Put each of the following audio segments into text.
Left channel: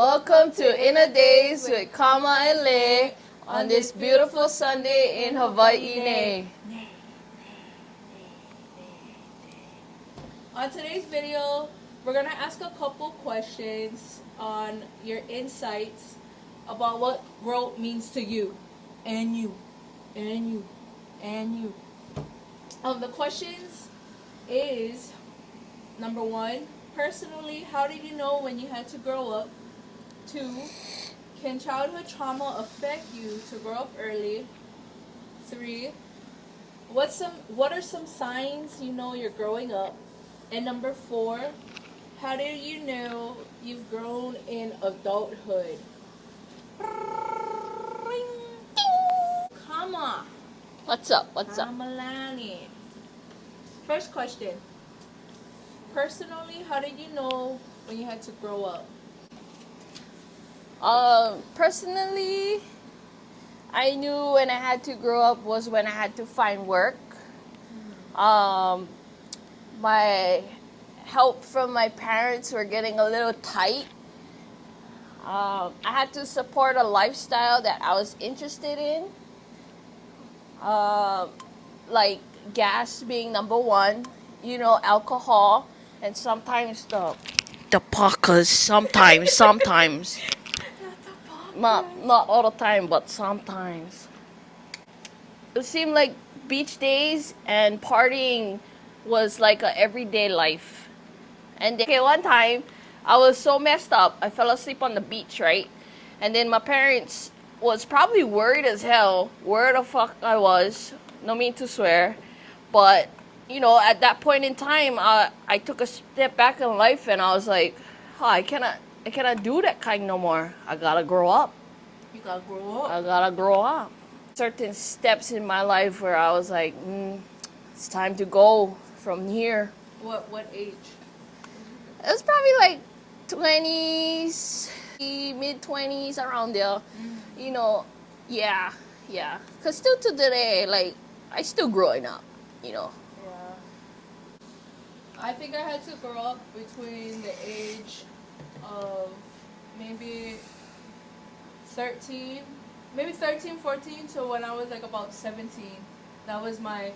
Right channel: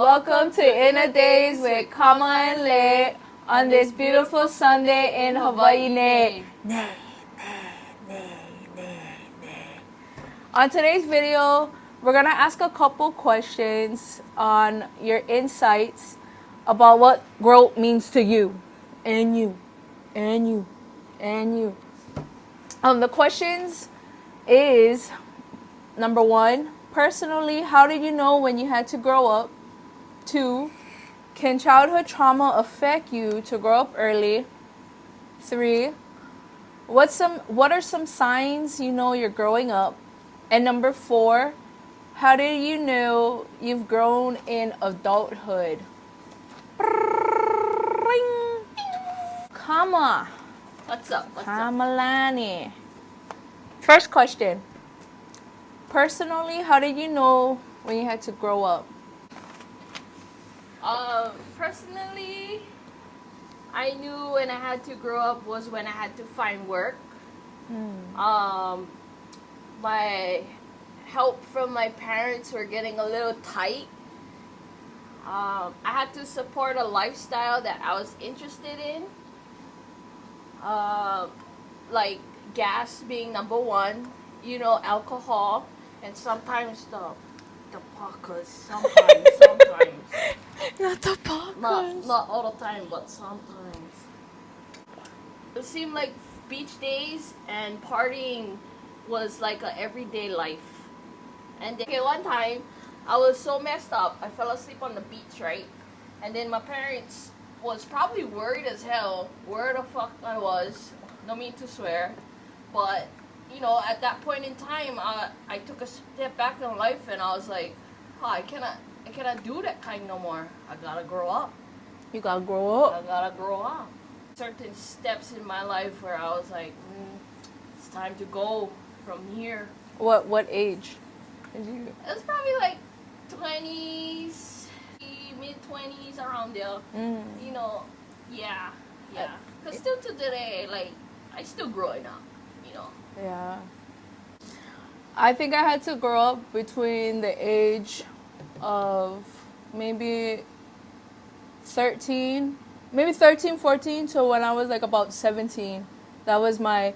Welcome to Inner Days with Kama and Lay on this beautiful Sunday in Hawaii. On today's video, we're gonna ask a couple questions on your insights about what growth means to you, and you. The questions is, number one, personally, how did you know when you had to grow up? 2, can childhood trauma affect you to grow up early? 3, what are some signs you know you're growing up? And number 4, how did you know you've grown in adulthood? Kama. What's up? Kamalani. First question. Personally, how did you know when you had to grow up? Personally, I knew when I had to grow up was when I had to find work. My help from my parents were getting a little tight. I had to support a lifestyle that I was interested in. Like gas being number one, alcohol, and sometimes the pockers. Sometimes. Not the pop. Not all the time, but sometimes. It seemed like beach days and partying was like a everyday life. And then, one time, I was so messed up, I fell asleep on the beach, right? And then my parents was probably worried as hell where the fuck I was. No mean to swear. But, at that point in time, I took a step back in life and I was like, oh, I cannot do that kind no more. I gotta grow up. You gotta grow up. I gotta grow up. Certain steps in my life where I was like, it's time to go from here. What age? It was probably like 20s, mid-20s, around there. Yeah. Because still to today, like, I still growing up, Yeah. I think I had to grow up between the age of maybe 13, 14 to when I was like about 17. That was I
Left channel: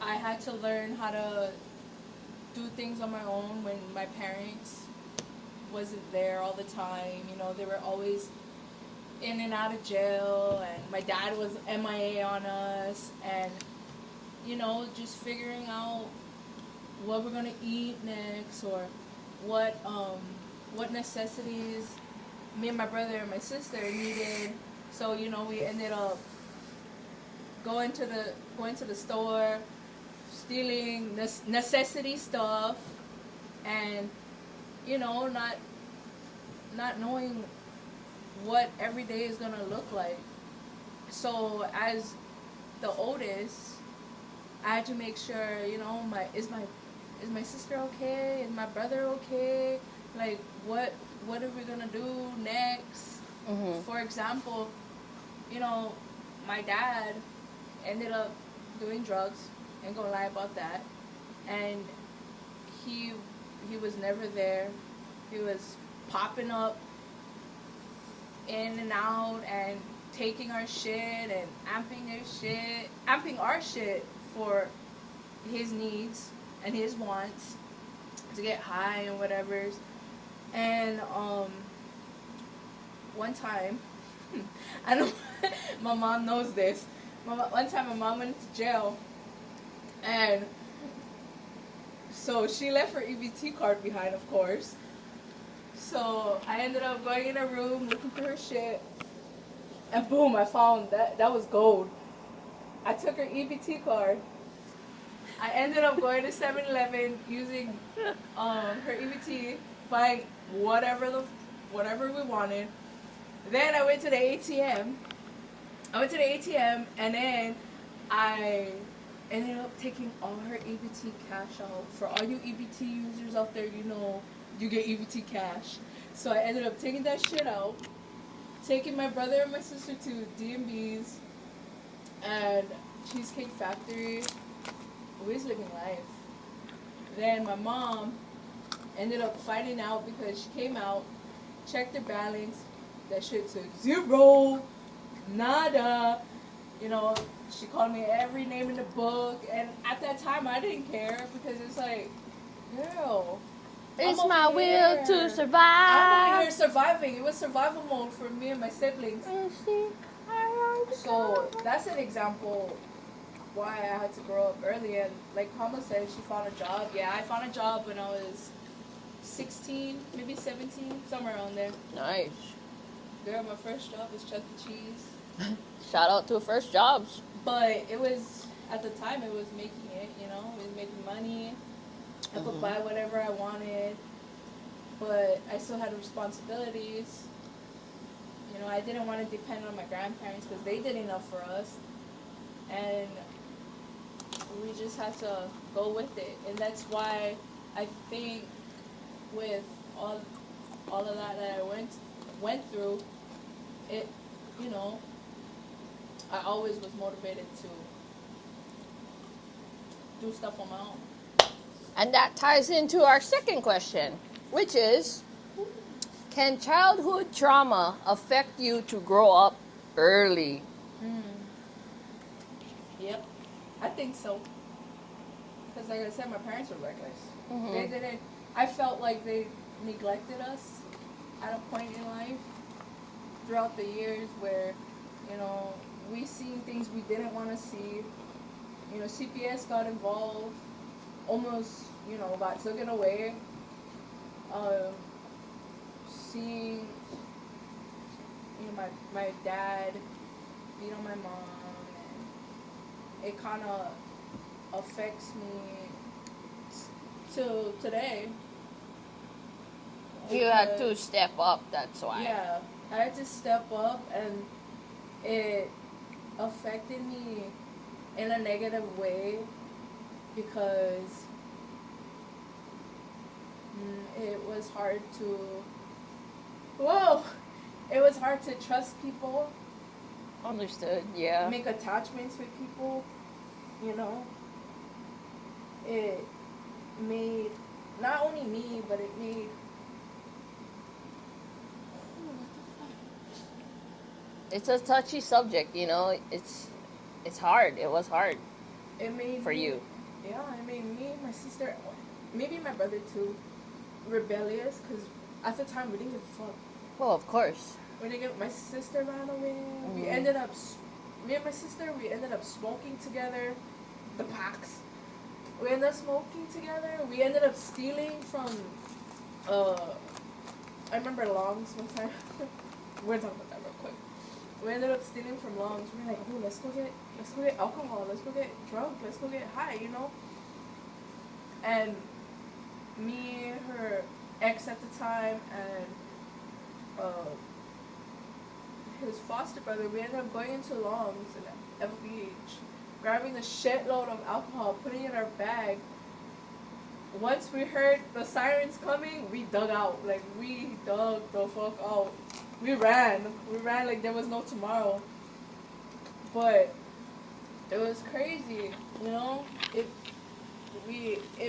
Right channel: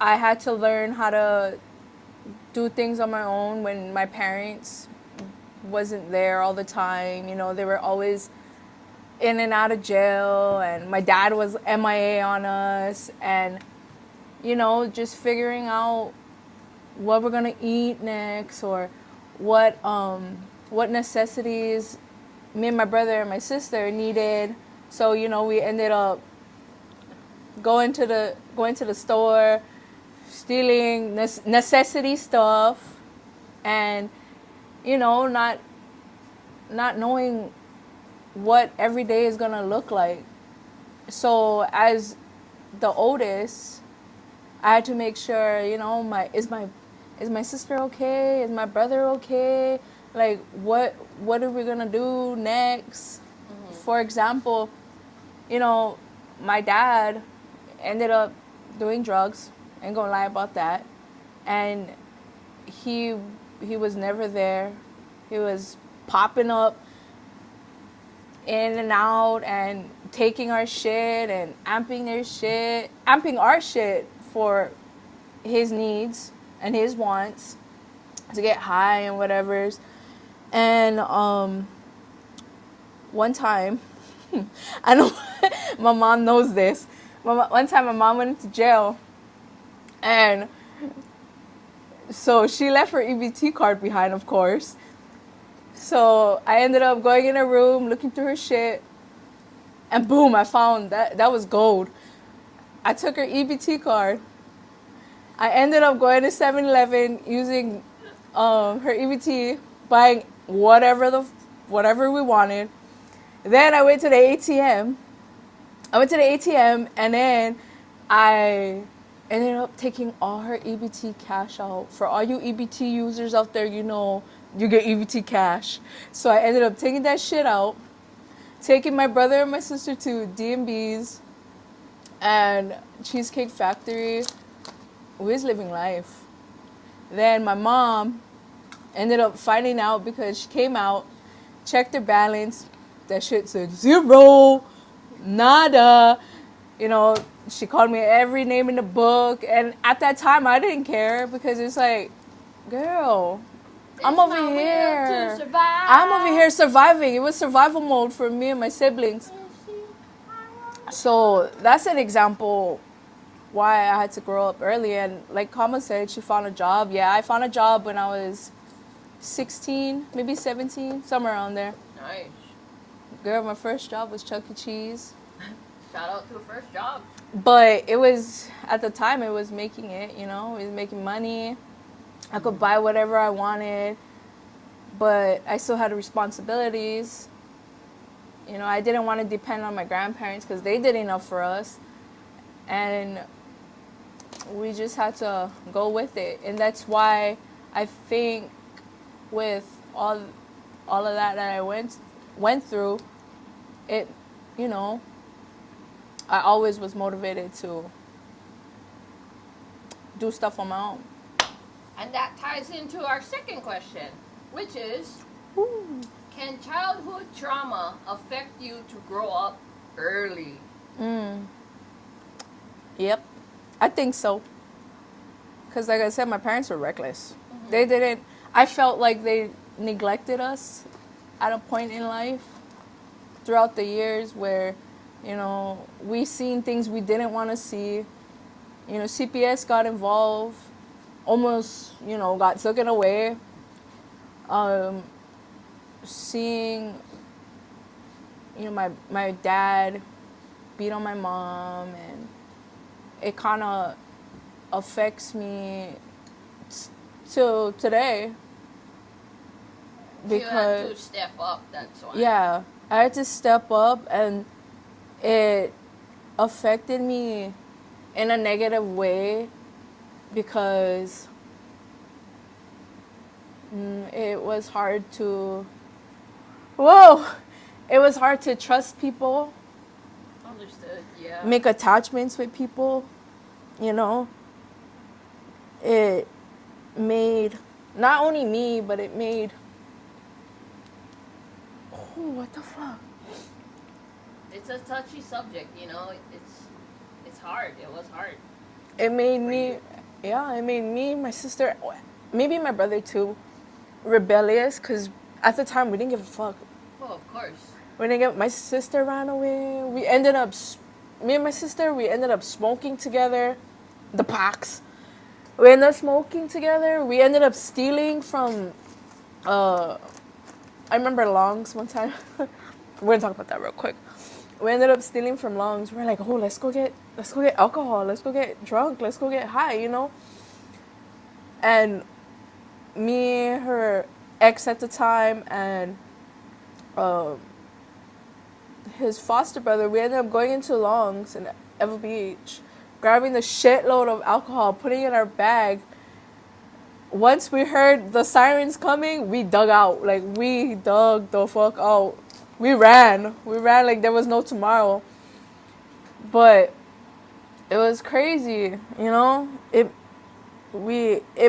had to learn how to do things on my own when my parents wasn't there all the time. They were always in and out of jail, and my dad was MIA on us, and just figuring out what we're gonna eat next, or what necessities me and my brother and my sister needed. So we ended up going to the store, stealing necessity stuff, and not knowing what every day is gonna look like. So as the oldest, I had to make sure, is my sister okay? Is my brother okay? Like, what are we gonna do next? Mm-hmm. For example, my dad ended up doing drugs. Ain't gonna lie about that. And he was never there. He was popping up in and out and taking our shit and amping our shit for his needs and his wants, to get high and whatever's. And one time, I know my mom knows this. One time my mom went into jail, and so she left her EBT card behind, of course. So I ended up going in her room, looking through her shit, and boom, I found that was gold. I took her EBT card. I ended up going to 7-Eleven, using her EBT, buying whatever we wanted. Then I went to the ATM. And then I ended up taking all her EBT cash out. For all you EBT users out there, you get EBT cash. So I ended up taking that shit out, taking my brother and my sister to D&B's and Cheesecake Factory. We was living life. Then my mom ended up finding out because she came out checked their balance. That shit said 0, nada. You know, she called me every name in the book. And at that time, I didn't care because it's like, girl, I'm It's over my here. will to survive. I'm over here surviving. It was survival mode for me and my siblings. So that's an example why I had to grow up early. And like Kama said, she found a job. Yeah, I found a job when I was 16, maybe 17, somewhere around there. Nice. Girl, my first job was Chuck E. Cheese. Shout out to first jobs. But it was, at the time, it was making it, you know, it was making money. I could buy whatever I wanted, but I still had responsibilities. You know, I didn't want to depend on my grandparents because they did enough for us. And we just had to go with it. And that's why I think with all of that I went through, it, you know, I always was motivated to do stuff on my own. And that ties into our second question, which is, can childhood trauma affect you to grow up early? Yep, I think so. Because, like I said, my parents were reckless. They didn't, I felt like they neglected us at a point in life throughout the years where, you know, we seen things we didn't want to see. You know, CPS got involved, almost, you know, got taken away. Seeing, you know, my dad beat on my mom, and it kind of affects me till today. You had to step up, that's why. Yeah, I had to step up, and it affected me in a negative way because it was hard to, whoa, it was hard to trust people, Understood, yeah. make attachments with people, you know. It made not only me, but it made, oh, what the fuck? It's a touchy subject, you know. It's hard. It was hard. It made For me, you. yeah, it made me, my sister, maybe my brother too, rebellious, because at the time we didn't give a fuck. Well, of course. We didn't get, my sister ran away. We ended up, me and my sister, we ended up smoking together, the packs. We ended up smoking together. We ended up stealing from, I remember Longs one time. We're gonna talk about that real quick. We ended up stealing from Longs. We're like, oh, let's go get alcohol. Let's go get drunk. Let's go get high, you know? And me, her ex at the time, and his foster brother, we ended up going into Longs in Ever Beach, grabbing the shitload of alcohol, putting it in our bag. Once we heard the sirens coming, we dug out. Like, we dug the fuck out. We ran. We ran like there was no tomorrow. But it was crazy, you know? It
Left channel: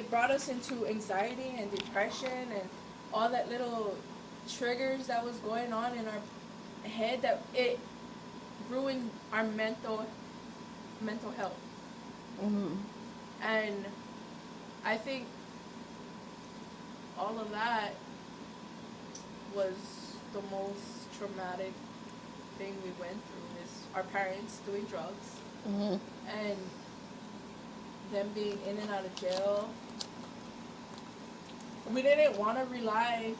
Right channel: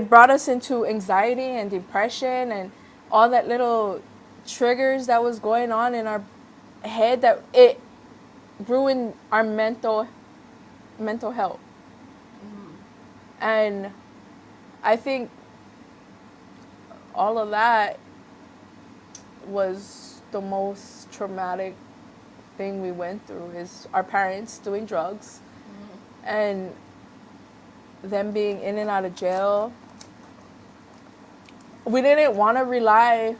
brought us into anxiety and depression and all that little triggers that was going on in our head, that it ruined our mental health. And I think all of that was the most traumatic thing we went through, is our parents doing drugs and them being in and out of jail. We didn't want to rely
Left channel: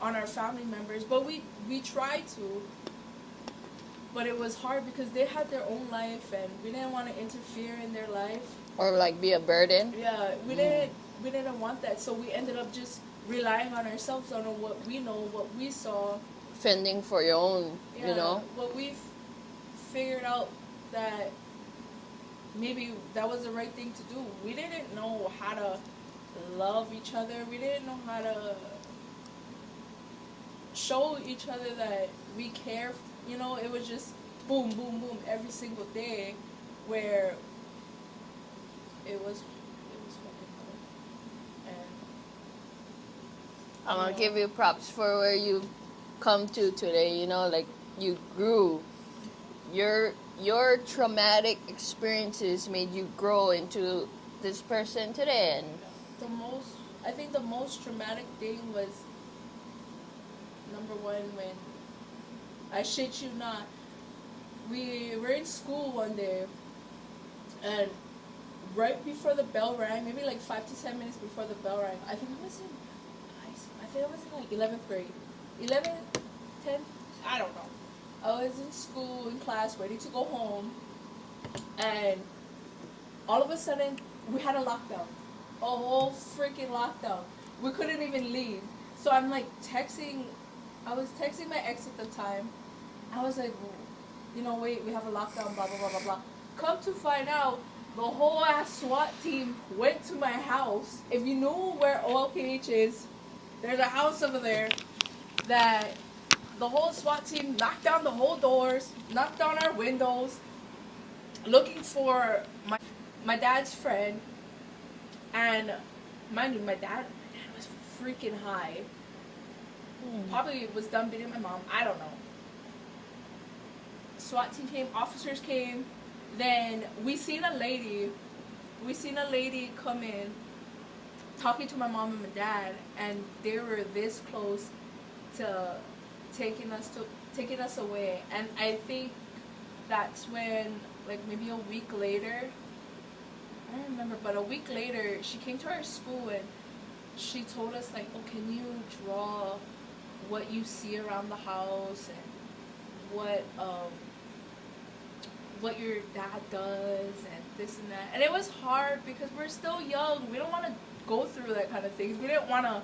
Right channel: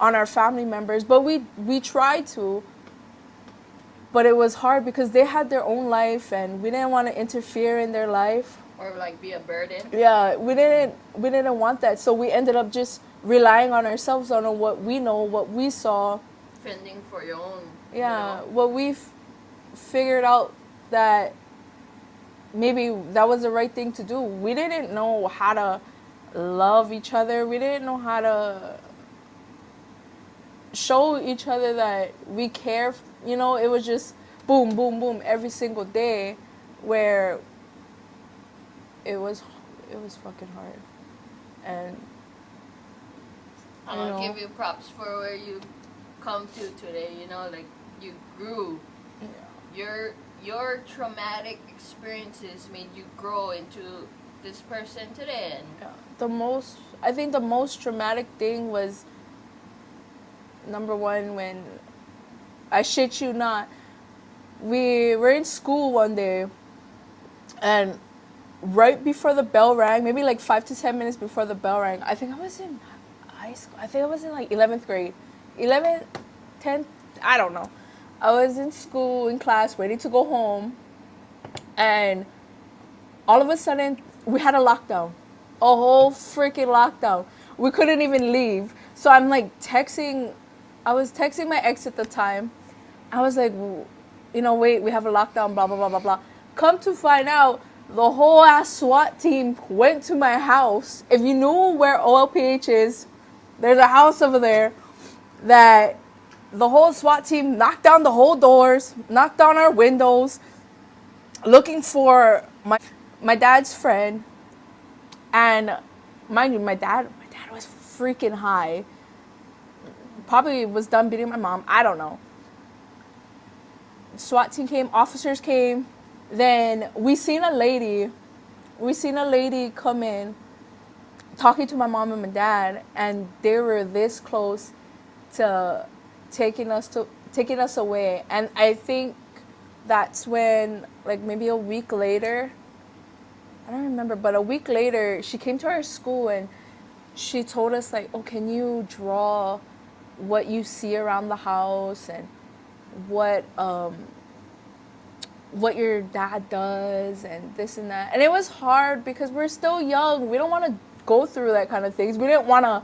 on our family members, but we tried to. But it was hard because they had their own life and we didn't want to interfere in their life. Or like be a burden. Yeah, we didn't want that. So we ended up just relying on ourselves, on what we know, what we saw. Fending for your own, Yeah, you know. what we figured out that maybe that was the right thing to do. We didn't know how to love each other. We didn't know how to show each other that we care. You know, it was just boom, boom, boom every single day, where it was fucking hard. And I'm you gonna know. give you props for where you've come to today. You know, like you grew. Your traumatic experiences made you grow into this person today. And I think the most traumatic thing was number one when I shit you not, we were in school one day, and right before the bell rang, maybe like 5 to 10 minutes before the bell rang, I think I was in high school. I think I was in like 11th grade, 11th, 10th. I don't know. I was in school in class, ready to go home, and all of a sudden we had a lockdown, a whole freaking lockdown. We couldn't even leave. So I'm like texting. I was texting my ex at the time. I was like, wait, we have a lockdown, blah blah blah blah blah. Come to find out, the whole ass SWAT team went to my house. If you knew where OLPH is, there's a house over there that the whole SWAT team knocked down the whole doors, knocked down our windows, looking for my dad's friend. And mind you, my dad was freaking high. Probably was done beating my mom. I don't know. SWAT team came, officers came. Then we seen a lady come in talking to my mom and my dad, and they were this close to taking us away. And I think that's when, like, maybe a week later, I don't remember, but a week later, she came to our school and she told us, like, oh, can you draw what you see around the house and what your dad does and this and that. And it was hard because we're still young. We don't want to go through that kind of things. We didn't want to,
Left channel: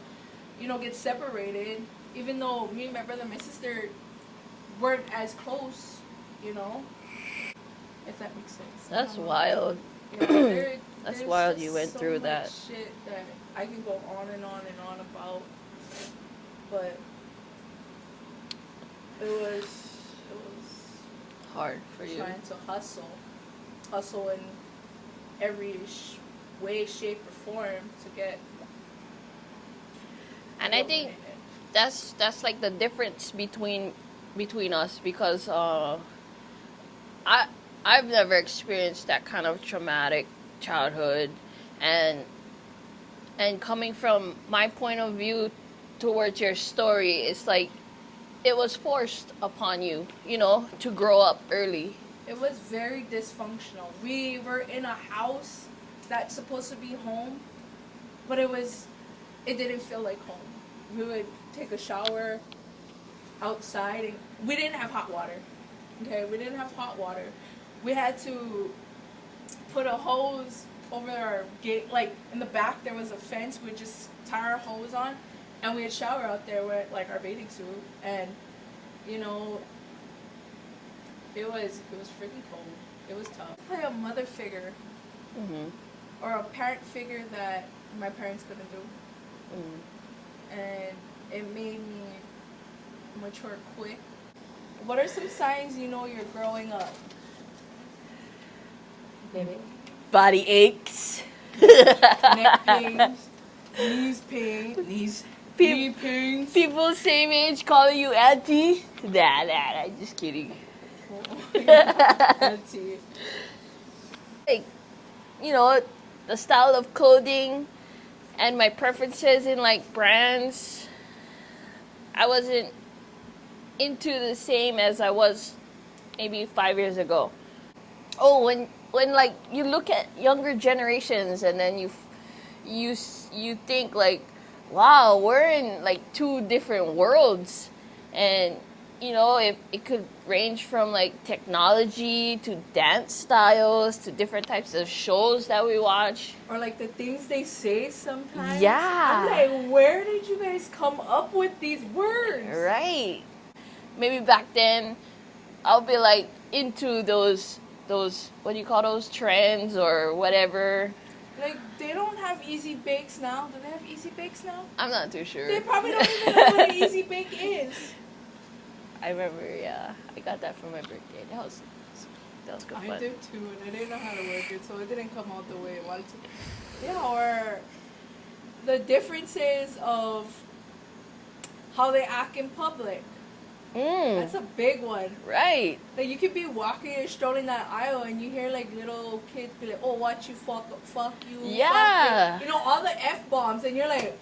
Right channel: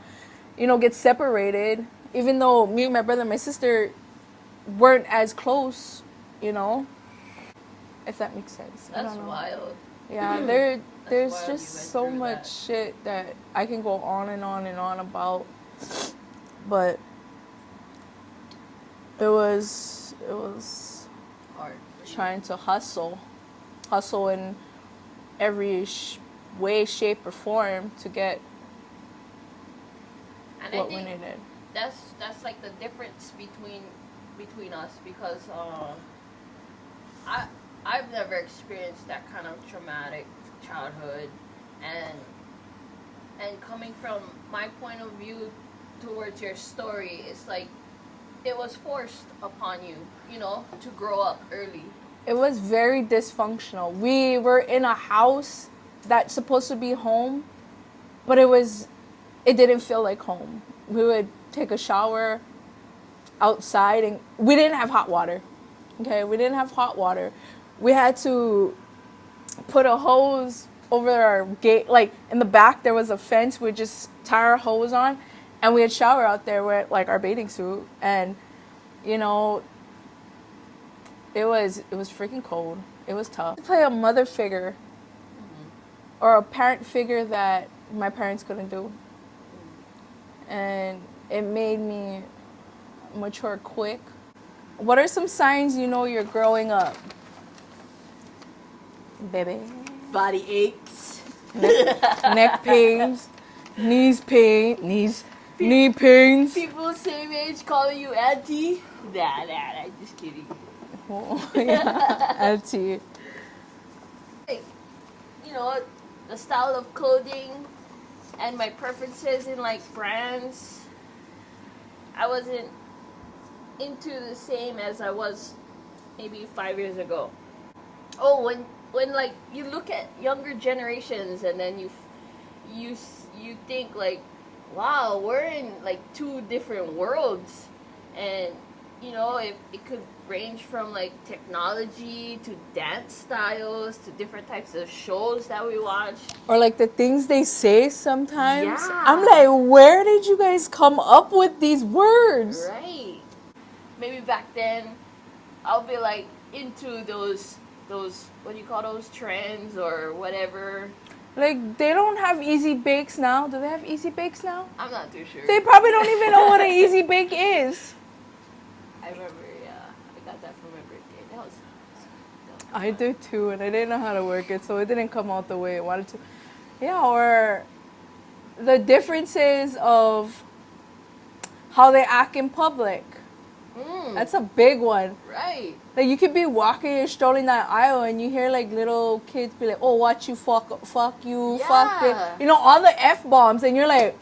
get separated, even though me and my brother and my sister weren't as close, if that makes sense. that's wild. Yeah, That's there's wild just you went so through much that. shit that I can go on and on and on about. But it was Hard for you. trying to hustle in every way, shape, or form to get And I what we think needed. that's like the difference between us, because I've never experienced that kind of traumatic childhood, and coming from my point of view towards your story, it's like it was forced upon you, to grow up early. It was very dysfunctional. We were in a house that's supposed to be home, but it didn't feel like home. We would take a shower outside, and we didn't have hot water. Okay, we didn't have hot water. We had to put a hose over our gate. Like, in the back there was a fence. We'd just tie our hose on, and we'd shower out there with like our bathing suit. And it was freaking cold. It was tough. To play a mother figure, or a parent figure that my parents couldn't do, and it made me mature quick. What are some signs you know you're growing up, baby? Body aches. Neck pains, knee pains. People same age calling you auntie. Nah, I'm just kidding. Oh, yeah, auntie. Like, the style of clothing and my preferences in like brands, I wasn't into the same as I was maybe 5 years ago. Oh, when like you look at younger generations, and then you think like, wow, we're in like two different worlds. And if it could range from like technology to dance styles to different types of shows that we watch. Or like the things they say sometimes. Yeah. I'm like, where did you guys come up with these words? Right. Maybe back then I'll be like into those what do you call those, trends or whatever. Like, they don't have easy bakes now. Do they have easy bakes now? I'm not too sure. They probably don't even know what an easy bake is. I remember, yeah, I got that for my birthday. That was good I fun. do too, and I didn't know how to work it, so it didn't come out the way it wanted to. Yeah, or the differences of how they act in public. That's a big one. Right. Like you could be walking and strolling that aisle, and you hear like little kids be like, "Oh, watch you fuck you, fuck Yeah. me," you know, all the f bombs, and you're like,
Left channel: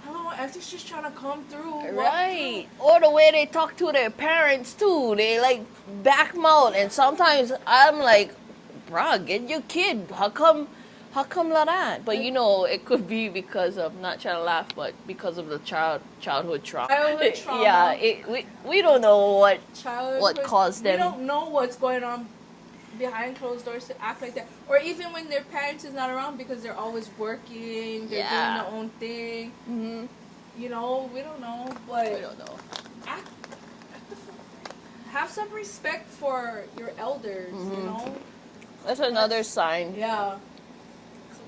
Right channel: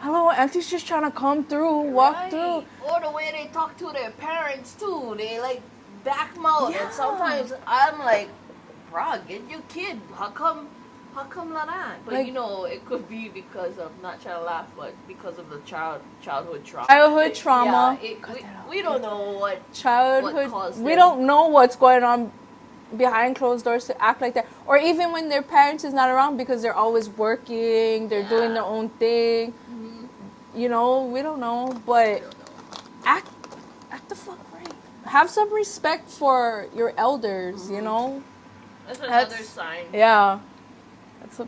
"Hello, auntie's just trying to come through, walk through." Right. Or the way they talk to their parents too. They like back mouth, Yeah. and sometimes I'm like, bruh, get your kid. How come like that? But Like- you know, it could be because of, not trying to laugh, but because of the childhood trauma. Childhood trauma. Yeah, we don't know what. Childhood. caused We them? don't know what's going on behind closed doors to act like that, or even when their parents is not around because they're always working, they're doing Yeah. their own thing. Mm-hmm. You know, we don't know, We but don't know. act the fuck right. Have some respect for your elders. You Mhm. know. That's another sign Yeah.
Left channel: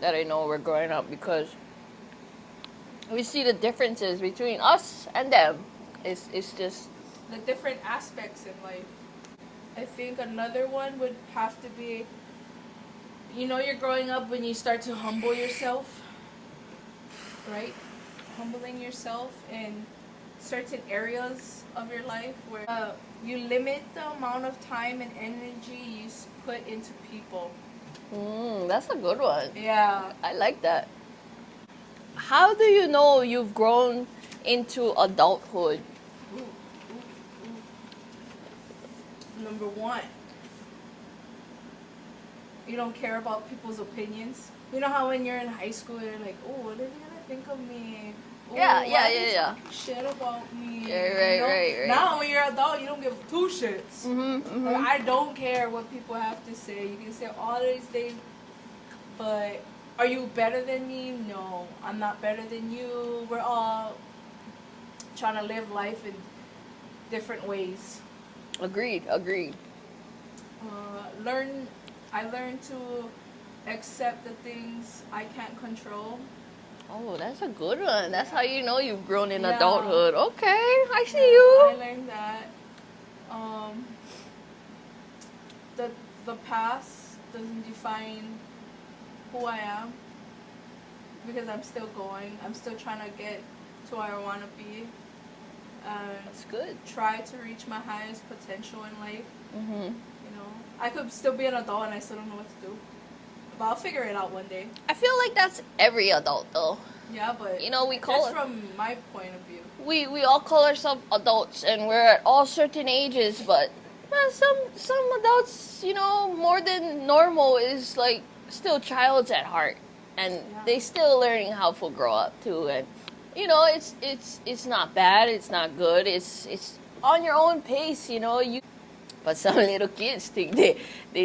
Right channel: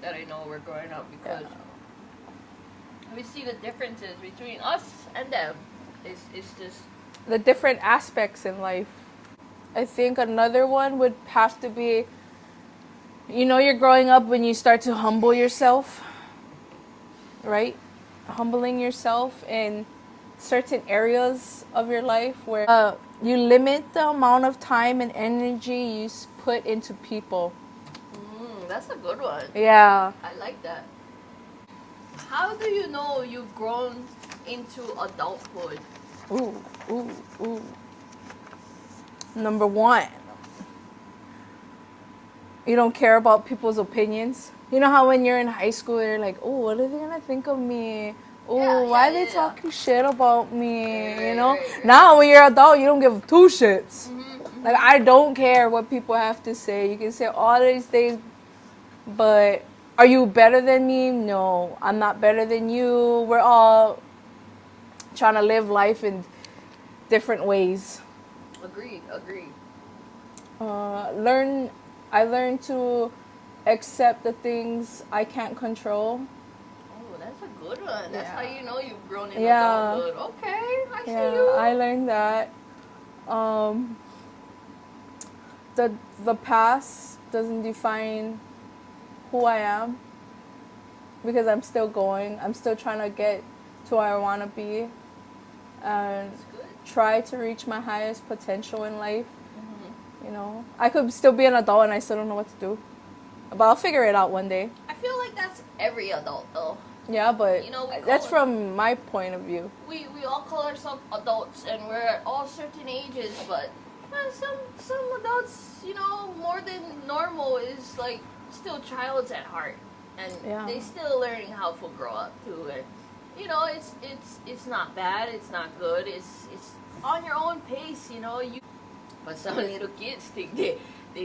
that I know we're growing up, because we see the differences between us and them. It's just The different aspects in life. I think another one would have to be, you know, you're growing up when you start to humble yourself, right? Humbling yourself in certain areas of your life where you limit the amount of time and energy you put into people. that's a good one. Yeah. I like that. How do you know you've grown into adulthood? Ooh, ooh, ooh. Number one, you don't care about people's opinions. You know how when you're in high school, you're like, oh, what are they gonna think of me? Oh, Yeah, why yeah, are they yeah, yeah. talking shit about me? Right, you know. right. Now when you're adult, you don't give two shits. Mm-hmm, Like I don't care what people have to say. You can say all these things, but are you better than me? No, I'm not better than you. We're all trying to live life in different ways. Agreed. I learned to accept the things I can't control. Oh, that's a good one. That's Yeah. how you know you've grown in Yeah. adulthood. Okay, I Yeah, see you. I learned that. The past doesn't define who I am because I'm still going. I'm still trying to get to where I want to be and That's good. try to reach my highest potential in life. Mm-hmm. You know, I could still be an adult and I still don't know what to do, but I'll figure it out one day. I feel like that's every adult though. Yeah, but You know, we call that's it- from my point of view. We all call ourselves adults, and we're at all certain ages, but some adults, you know, more than normal, is like still childs at heart, and Yeah. they still learning how to grow up too. And you know, it's not bad, it's not good, it's on your own pace, you know. But some little kids think they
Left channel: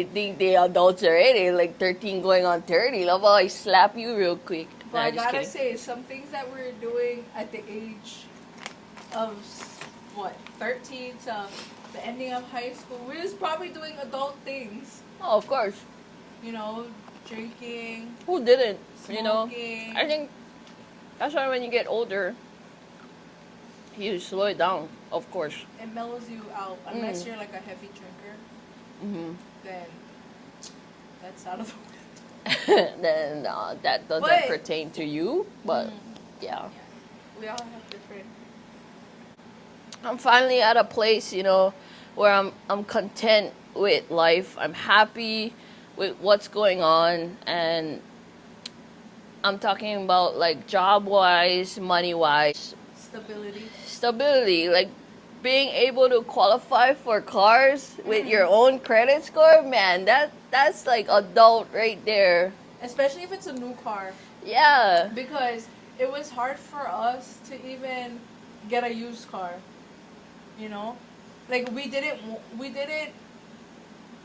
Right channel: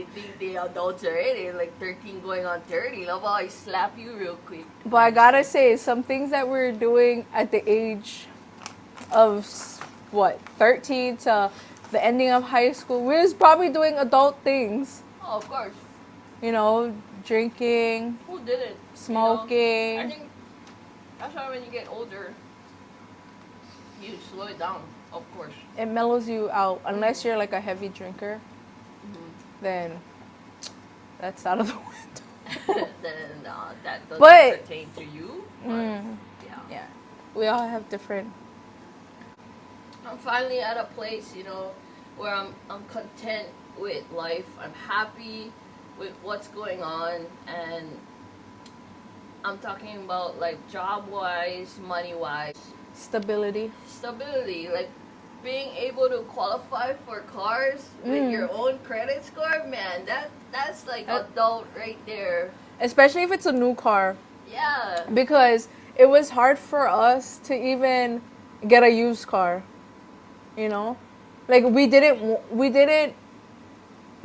think they adults already, like 13 going on 30. Love how I slap you real quick. But I gotta say, some things that we're doing at the age of 13 to the ending of high school, we're just probably doing adult things. Oh, of course. You know, drinking, Who didn't? smoking. You know? I think that's why when you get older, you slow it down, of course. It mellows you out. Unless you're like a heavy drinker, then that's out of the window. Then that doesn't But- pertain to you. But yeah. Yeah, we all have different. I'm finally at a place, you know, where I'm content with life. I'm happy with what's going on, and I'm talking about like job wise, money wise, Stability. stability, like being able to qualify for cars with your own credit score. Man, that's like adult right there. Especially if it's a new car. Yeah. Because it was hard for us to even get a used car. You know? Like we didn't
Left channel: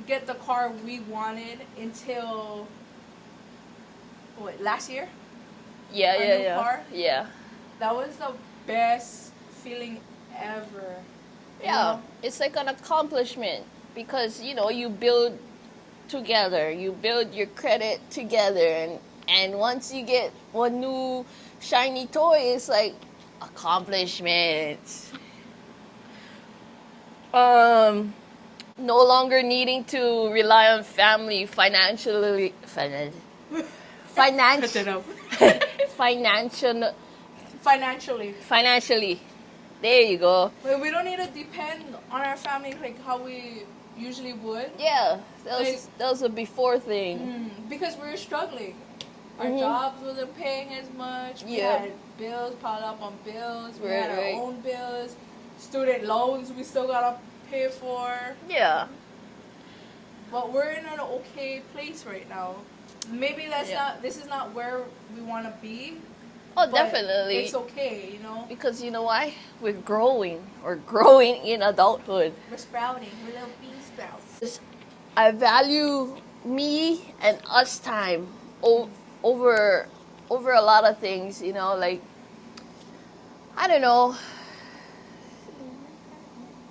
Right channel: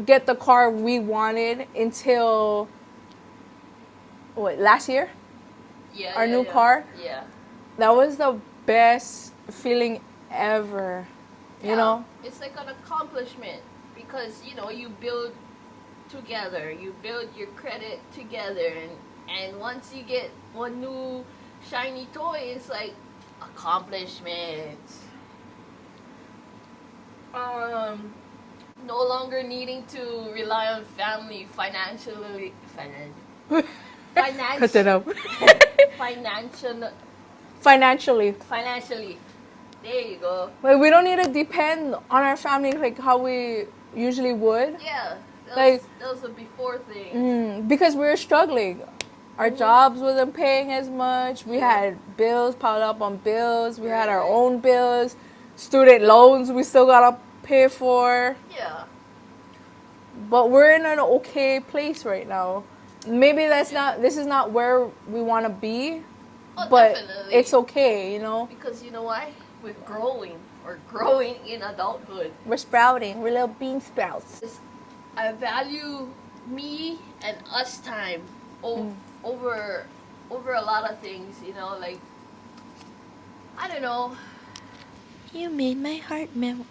get the car we wanted until last year? Yeah, Our yeah, new yeah. car? Yeah. That was the best feeling ever. You know? It's like an accomplishment, because you know you build together, you build your credit together, and once you get one new shiny toy, it's like accomplishments. No longer needing to rely on family financially. Financially. Financially. There you go. Like we don't need to depend on our family like how we usually would. Yeah, that Like- was, that was a before thing. Because we were struggling. Our jobs wasn't paying as much. We Yeah. had bills piled up on bills. We had our Right. own bills. Student loans we still gotta pay for. Yeah. But we're in an okay place right now. Maybe that's Yeah. not. This is not where we want to be. Oh, but definitely. it's okay. You know, Because you know why? We're growing. We're growing in adulthood. we're sprouting. We're little bean sprouts. I value me and us time over a lot of things, you know, like I don't know. You made my heart melt.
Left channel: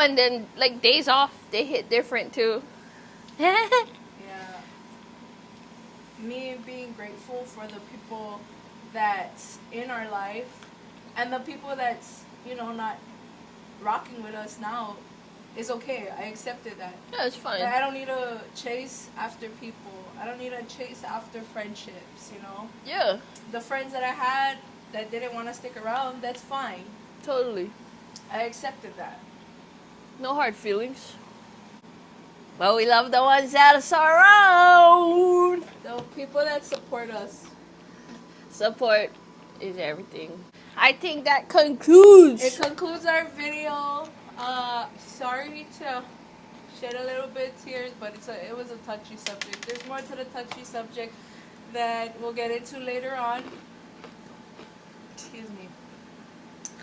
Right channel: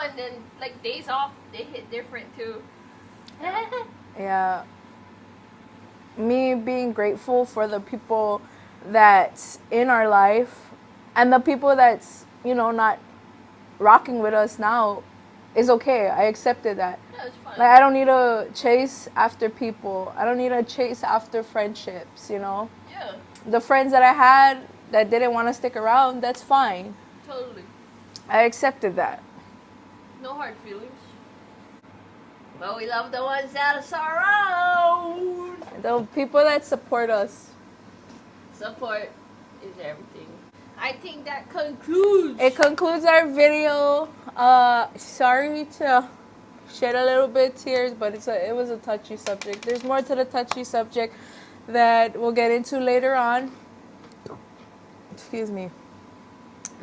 And then like days off, they hit different too. Yeah. Me being grateful for the people that's in our life and the people that's, not rocking with us now is okay. I accepted that. Yeah, it's fun. Like, I don't need to chase after people. I don't need to chase after friendships, Yeah, The friends that I had that didn't want to stick around, that's fine. totally. I accepted that. No hard feelings. But we love the ones that are around. The people that support us. Support is everything. I think that concludes. It concludes our video. Sorry to shed a little bit of tears, but it was a touchy subject. There's more to the touchy subject that we'll get into later on. Excuse me.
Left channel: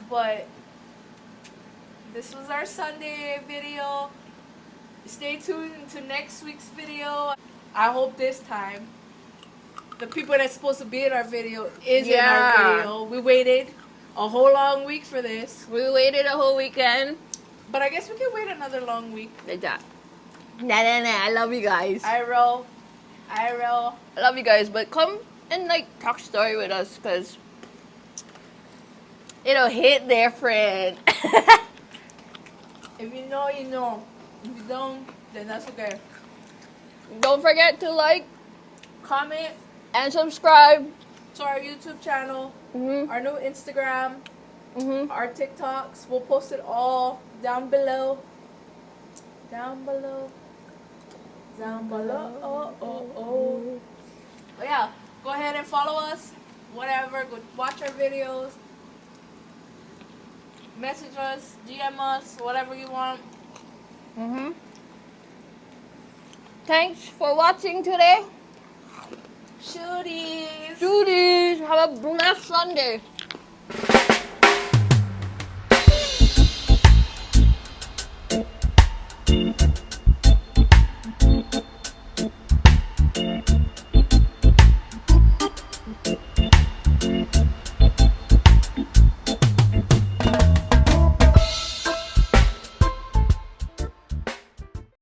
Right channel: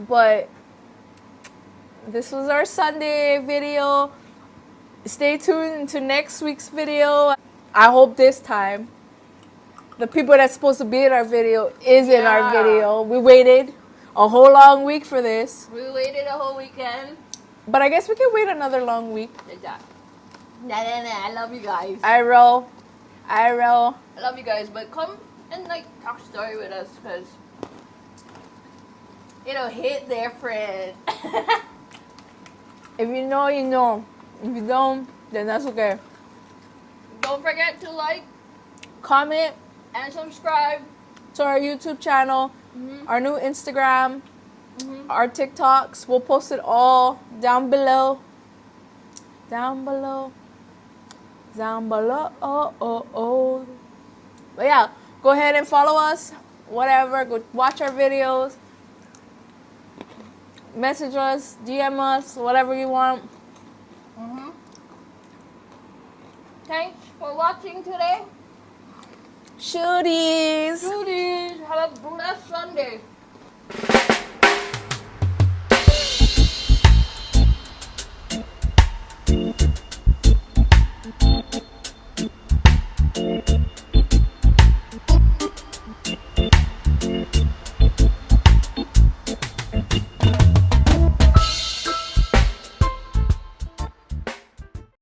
But this was our Sunday video. Stay tuned to next week's video. I hope this time the people that's supposed to be in our video is in our Yeah. video. We waited a whole long week for this. We waited a whole weekend. But I guess we can wait another long week. Like that. Nah. I love you guys. I roll. I love you guys, but come and like talk story with us, cause it'll hit different. If you know, you know. If you don't, then that's okay. Don't forget to like Comment and subscribe. to our YouTube channel, our new Instagram, our TikToks. We'll post it all down below. Down below. Down below. Oh. But yeah, go ahead and follow us. Whatever. Go watch our videos. Message us, DM us, whatever you want. Thanks for watching today. Shooties. Duties. Have a blessed Sunday.